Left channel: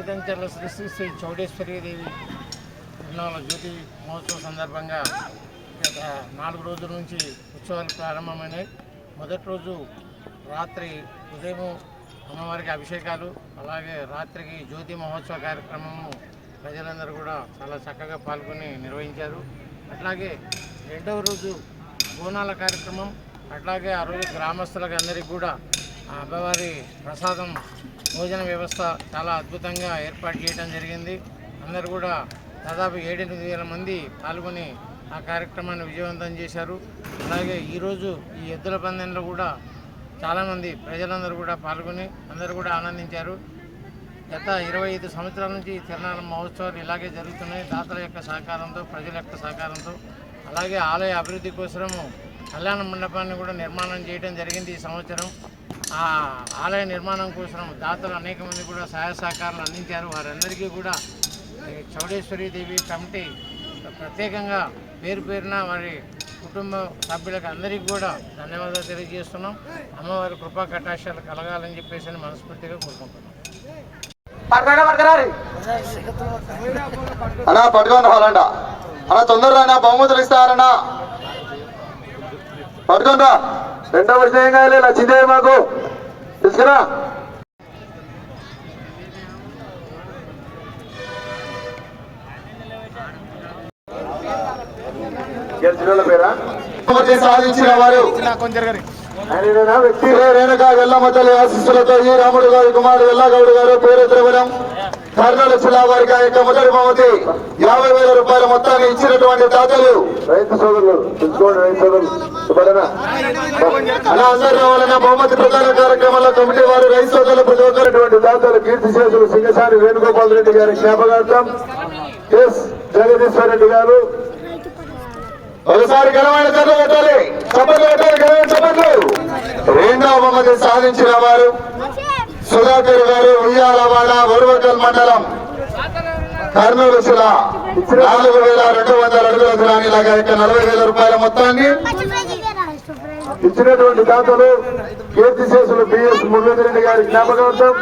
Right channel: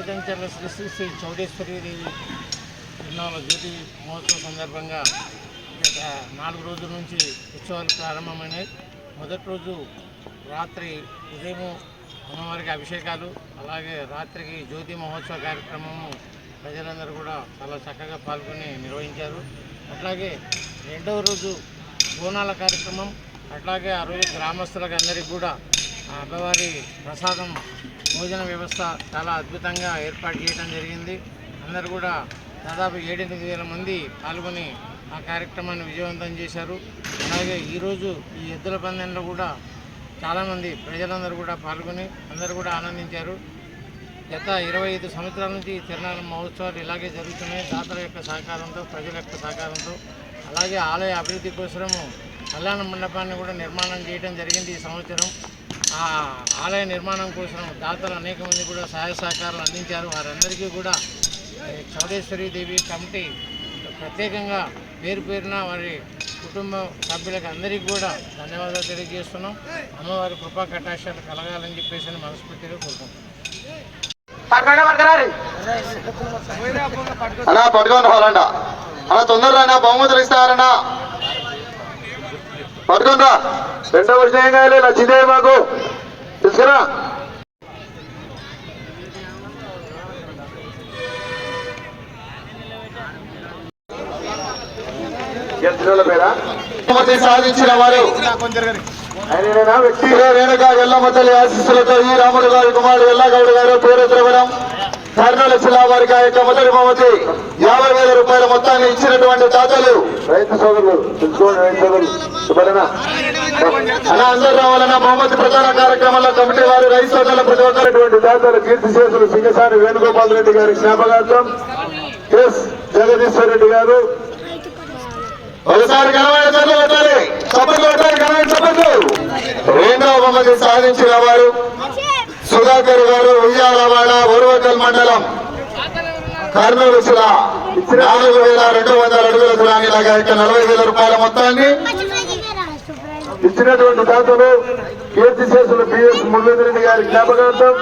చైతంచర్ల శ్రీ శ్రీ శ్రీ చౌడేశ్వరి జ్యోతి మహోత్సవం సందర్భంగా గత నాలుగు రోజుల నుంచి ఉత్సవాలు ప్రారంభమైనాయి. మొదటి రోజు రాత్రి ఉదయం అమ్మవారికి అభిషేకాలు అలాగే రాత్రికి జ్యోతి మహోత్సవ కార్యక్రమము ప్రజలందరూ కూడా చాలా చక్కగా పాల్గొని నిర్వహించారు. అట్లాగే రెండవ రోజు బోనాల కార్యక్రమం అట్లాగే ఆ రోజు గ్రామస్తులకు అందరికీ కూడా అమ్మవారి ప్రసాదం భోజన వ్యవస్థ చాలా అద్భుతంగా ఏర్పాటు చేయడం జరిగింది. అందరూ కూడా దాదాపు ఏడెనిమిది వేల మంది పాల్గొని ఆ కార్యక్రమాన్ని విజయవంతం చేశారు. అలాగే ఈరోజు ఈ ఎద్దుల పందెంలో కూడా చాలామంది ప్రజలందరూ కూడా పాల్గొని అందరూ కూడా ఆనందించారు. గత ఇరవై ఐదు సంవత్సరాల నుంచి తిరునాళ్ళ మహోత్సవాలు ఇలాగే జరుగుతున్నాయి. దాతల యొక్క సహకారంతో ప్రజల యొక్క సహకారంతో అలాగే ఆలయ అభివృద్ధి కోసము కళ్యాణ మండపాన్ని కూడా నిర్మాణం చేయడం జరిగింది ఈ సంవత్సరం. ఆ ఆలయ నిర్మాణం కోసం దాతలు అనేక మంది కూడా సహాయ సహకారాలు అందించారు. వారందరికీ కూడా చౌడేశ్వరి దేవి కమిటీ ప్రత్యేకంగా పేరు పేరున వారి కుటుంబ సభ్యులకు అందరికీ కూడా ధన్యవాదాలు తెలియజేస్తున్నాం. అమ్మవారి కృపా కటాక్షాలు కలగాలని చెప్పేసి మనస్ఫూర్తిగా కోరుకుంటున్నాం. అన్నా పట్టుకొని రావాలంట అలా తొందరగా బహుమతులు ఇస్తారన్నా. పట్టుకొని రా రెండవ విషయం కాలే లక్ష్మీదేవి మాకు. తీసుకురా. సాధించిన వారు. ఆయన వ్యక్తి రేణుక ఎల్లమ్మ తల్లి ఆశీస్సులతో ఈ రాముడు గారి కుమారుడు ఎల్లగౌడు గారు పేరు ద్రవణం కర్నూలు జిల్లా వారికి ఆ యొక్క మొదటి బహుమతి యాభై వేల రూపాయల మొత్తాన్ని ఇచ్చినటువంటి దాతలు. రైతు సోదరులు రైతు సోదరులు అలా అందరూ రావాలన్న బహుమతి ప్రధాన కార్యక్రమంలో కమిటీ వారు రైతు సోదరులు ప్రతి ఒక్కరిటువంటి దాతలు కీర్తి శేషులు సింగసారి వేణుగోపాల్ రెడ్డి గారి జ్ఞాపకార్థం ఎస్ జగదీశ్వర్ రెడ్డి గారు. ఒకసారి గెలవాలి చదువు పెట్టాలి చప్పట్లు పెట్టాలి గెలవండి చప్పట్లు. రెండవ బహుమతి సాధించిన వారు సుధాకర్ గారు ఉయ్యాలవాడ వరువకల్ మండలం. కర్నూలు జిల్లా నాలుగు వేల రెండు వందల అడుగుల దూరాన్ని లాగా నలభై వేల రూపాయల మొత్తాన్ని ఇచ్చినటువంటి దాతలు కీర్తిశేషులు బిఎస్ మురళీధర్ రెడ్డి గారి జ్ఞాపకార్థం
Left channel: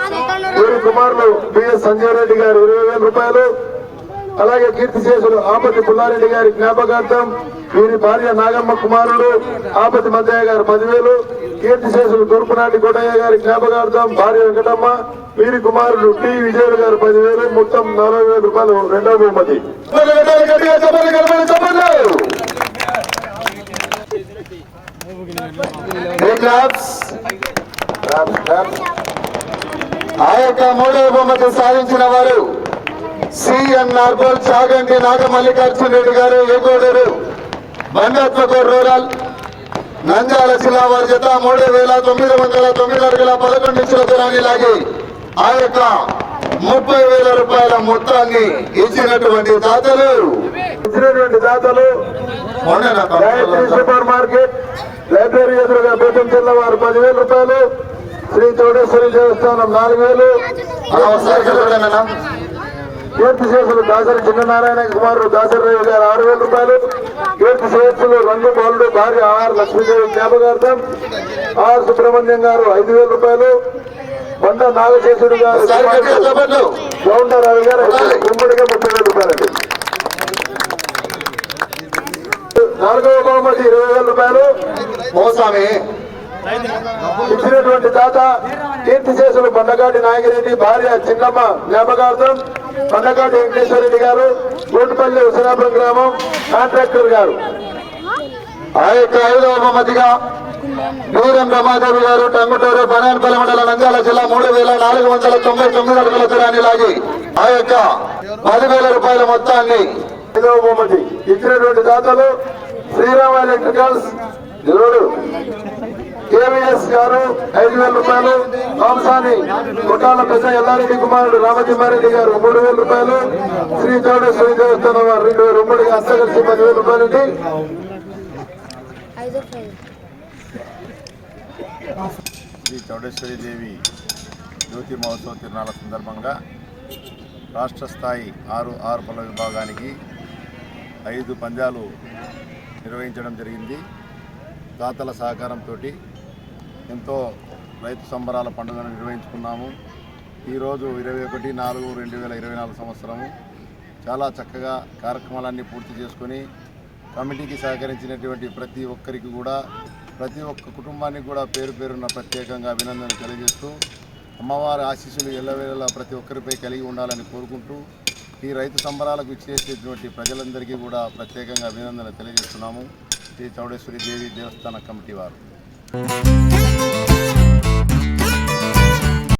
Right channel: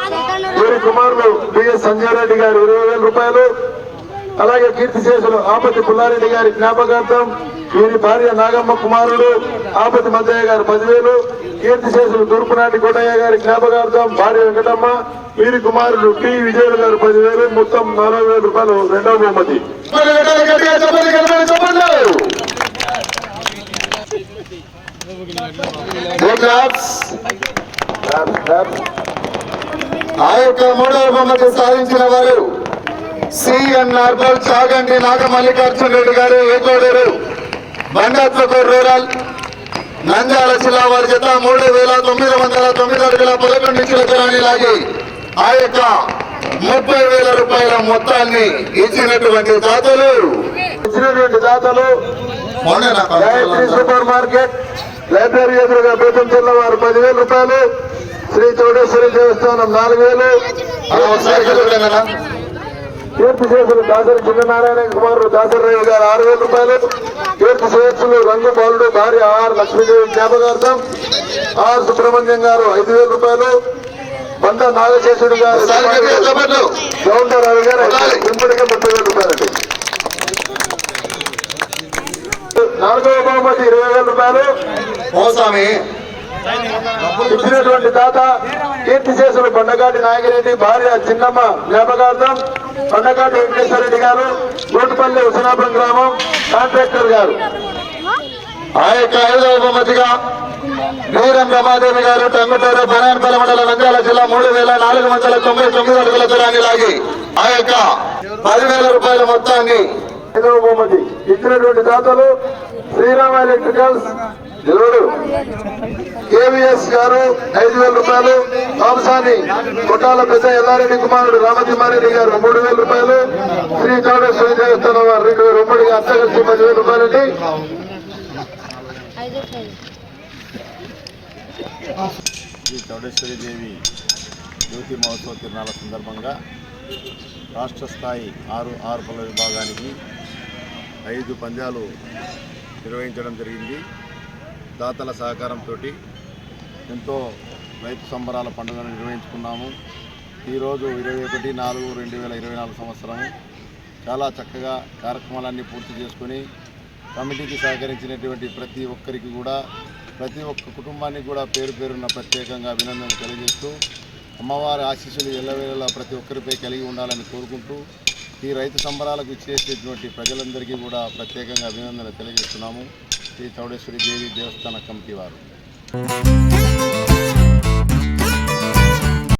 వీరి కుమారులు బిఎస్ సంజయ్ రెడ్డి గారు ఇరవై వేల రూపాయలు. అలాగే కీర్తిశేషులు ఆపతి పుల్లారెడ్డి గారి జ్ఞాపకార్థం వీరి భార్య నాగమ్మ కుమారుడు ఆపతి మద్దయ్య గారు పదివేలు కీర్తిశేషులు తూర్పునాటి కోటయ్య గారి జ్ఞాపకార్థం భార్య వెంకటమ్మ వీరి కుమారుడు టి విజయుడు గారు పదివేలు మొత్తం నలభై వేల రూపాయలు రెండవ బహుమతి. ఆ యొక్క మూడవ బహుమతి సాధించిన వారు సిఎన్ నార్బల్ చాగంటి నాగ మల్లికార్జున రెడ్డి గారు ఏకోడూరు బంగాత్మకూరు రూరల్ నంద్యాల జిల్లా వారి జత మూడు వేల తొమ్మిది వందల తొమ్మిది అడుగుల పదకొండు ఇంచుల దూరాన్ని లాగి ఆ యొక్క ముప్పై వేల రూపాయల మొత్తాన్ని ఇచ్చినటువంటి దాతలు. ఇచ్చినటువంటి దాతలు గాయత్రి సూపర్ మార్కెట్ లైబ్రరీ ఎదురుగా బేతం జిల్లా వారు పదివేల రూపాయలు శ్రీ చోడేశ్వరి దేవస్థానం నాలుగు వేలు. కీర్తి శేషులు దాసరి చిన్ననారాయణ కుమారుడు దాసరయ్య గారు ఆరు వేల రూపాయలు. కీర్తి శేషులు రంగు బాలుడు భార్య ఆర్ లక్ష్మీదేవి జ్ఞాపకార్థం. ఆర్ సుబ్రహ్మణ్యం గారు ఐదు వేల రూపాయలు. బండ నాగశేషుడు గారు గౌండర్ రవి గారు గుమ్మడిగా ముప్పై వేల రూపాయలండి. నాలుగవ బహుమతి ఇరవై వేల రూపాయలు. ఇచ్చినటువంటి దాత కీర్తి చేసిన కొండగాటి నాగిరెడ్డి భార్య చిన్నమ్మ జ్ఞాపకార్థం కొండగాటి వెంకటేశ్వరరెడ్డి గారు గోటుపల్లి హుసనాపురం గ్రామం కాంట్రాక్టర్ గారు. ఆ యొక్క ఐదవ బహుమతిగా వీరం రమాదేవి గారు టంగుటూరు బనాన్పల్లి మండలం నంద్యాల జిల్లా మూడు వేల నాలుగు వందల తొంభై తొమ్మిది అడుగుల దూరాన్ని లాగి ఆ యొక్క పదివేల రూపాయల మొత్తాన్ని ఐదవ బహుమతి ఇచ్చినటువంటి దాతలు శ్రీరామ ఎలక్ట్రికల్స్ నిలవడు కేవీఎస్ గారు ఐదు వేల రూపాయలు మాంసాని కొట్టాల పెద్ద ఎల్లారెడ్డి కుమారుడు రామతిమ్మారెడ్డి గారు మూడు వేల రూపాయలు శ్రీ చౌడేశ్వరి దేవస్థానం వారు రెండు వేల ఉమ్మడిగా అంతా కలిసి పదివేల రూపాయలండి. ఐదు ఫైవ్ శ్రీ చౌడేశ్వరి దేవి జ్యోతి మహోత్సవ తిరునాళ్ళ సందర్భంగా రాష్ట్ర స్థాయి ఆరు ఆరు పళ్ళ విభాగానికి ఐదు పంద్యాలు నిర్వహించడం జరిగింది. దాతల సహకారంతో ఎంతో రైతు సంబరాల పండుగను నిర్వహించుకున్నాము. ఈరోజు ఇరవై ఒకటి నాలుగు రెండు వేల ఇరవై నాలుగు సంవత్సరము చాలా చక్కగా కార్యక్రమాలన్నీ పూర్తి చేసుకొని కమిటీకి సహకరించినటువంటి ప్రతి ఒక్కరికి కూడా ప్రతి ఒక్క కుటుంబానికి కూడా పేరు పేరున్న ప్రత్యేకంగా అభినందనలు తెలియజేస్తూ అమ్మవారి ఆశీస్సులు ఎల్లవేళలా ప్రతి ఒక్కరిపై కలిగి ఉండాలని కోరుకుంటూ ఈ రైతు సంబరాలకు ఇచ్చేసేటువంటి ప్రజలందరికీ కూడా ప్రత్యేకంగా అభినందనలు తెలియజేస్తున్నాము. శ్రీ చౌడేశ్వరి దేవి దేవస్థాన కమిటీ వారు